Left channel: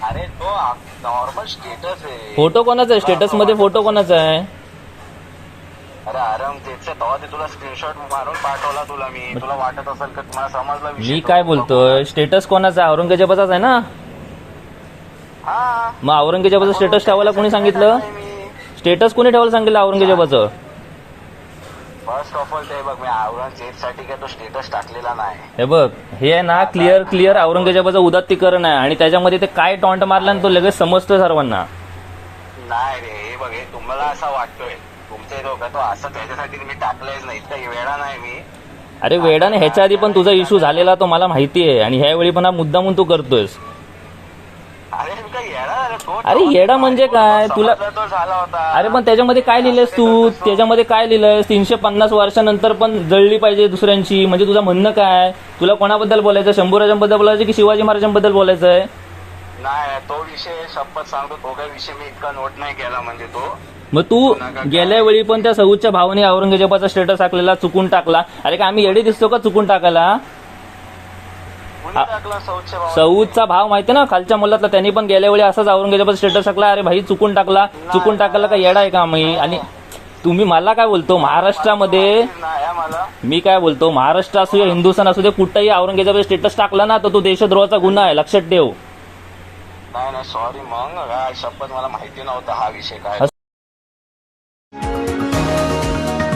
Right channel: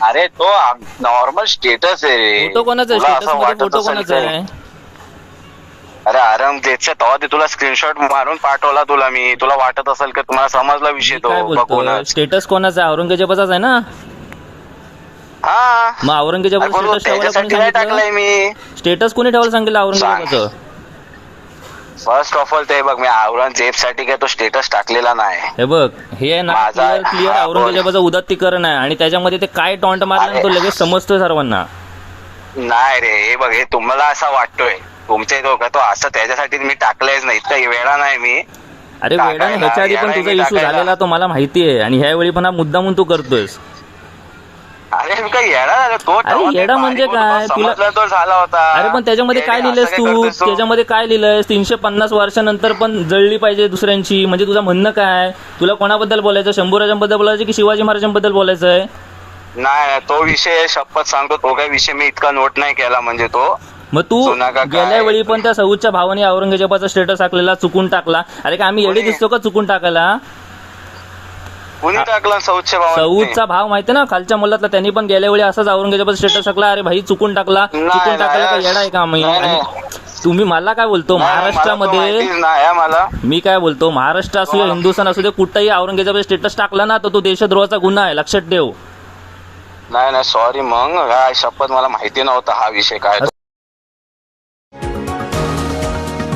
अरे तो normal status आहे फोटो कोणाचा आहे? तुला स्टेटस असं मध्ये वाटत फोटो असेल कोणाचा? आहे? अरे आराम तेव्हा ते तुला स्क्रीनशॉट मारून पाठवला तुला मी. तुला वाटत असेल का? तुम्हाला समजला विषय मी तो. काय बोलतोय बघूनच. स्टेटस कोणाचा आहे? औरंगजेबाचाच आहे ना? हा. मग औरंगजेबाचं अरे स्टेटस ठेवायला कोणी त्याच्यासाठी नाही टाकलंय सांगितलं मी. स्टेटस कोणी ठेवायला सांगितलं औरंगजेबाचं? फर्स्ट ऑफ ऑल ते बघ मी औरंगजेबसाठी काय तो स्टेटस टाकलेला नाही. हे बघ हे ना क्लिअर क्लिअर हा, बोल. औरंगजेबाचं उदात्तीकरण आहे आणि त्याच्यामध्ये ते काय टॉन्ट मारला ना तो लगेच समजतोय सर्वांना. नाही रे हे बघ हे तुम्हाला असं वाटतोय. तुमच्या इथं का तो असं त्याच्यासाठी मी टाकलंयच नाही. इतका वेळा नाही मी. अरे वेडाने ह्याच्या आधी पण तुझा इश्यू. झालेला तो मला माहिती आहे आणि ह्यावेळी पण हा मुद्दामून तू करतोयस. अरे मी काय येडा तो अरे म्हणजे काय? तुला- समजला तो झाला होता. अरे पण त्याच्यामध्ये काय लिहिलंयस तू? त्याच्यामध्ये काय लिहिलंयस? तीनशे पन्नास वर्षानंतर पण जळली पाहिजे दुसऱ्यांची. म्हणजे तुझं म्हणणं काय? तुला कोणाबद्दल बोलायचं शंभूराजांबद्दल बोलायचं की शिवाजी महाराजांबद्दल बोलायचं आहे नाही नाही, तो विषय शपथ सांगतो. तो काही विषय मी इतका नोट नाही केला म्हणजे तो. मग तू जुना का काय? गेल्या वेळी पण त्या सऊदच्या भावाने औरंगजेबाचा स्टेटस टाकलेला चुकून टाकला. अरे का आम्ही एवढे दिसतो का चुकून टाकायला? कुणी टाकला सौदच्या भावाने? सऊदचा भाव माहिती ना? खालच्या मुलातला त्यांनी पण गेल्या वेळी असाच औरंगजेबाचा स्टेटस टाकला अरे भाई चुकून टाकला. नाही, चुकून टाकायला का? नाही, येडा आहे का नाही, आणि. तुम्ही मला काय बोलतो? महाराष्ट्रामध्ये माहितीच नाही हा मला. मी काय बोलतो? महाराष्ट्र असू हिंदुस्थान असू दे कुठंही औरंगजेबाचा स्टेटस टाकला ना तर तो देशद्रोहाचा गुन्हा आहे. लक्षात ठेव. नाही नाही सॉरी मग. काय शपथ मला माहिती नव्हता हा विषय काय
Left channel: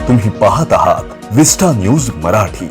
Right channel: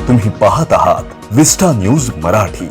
तुम्ही पाहत आहात विस्टा न्यूज मराठी.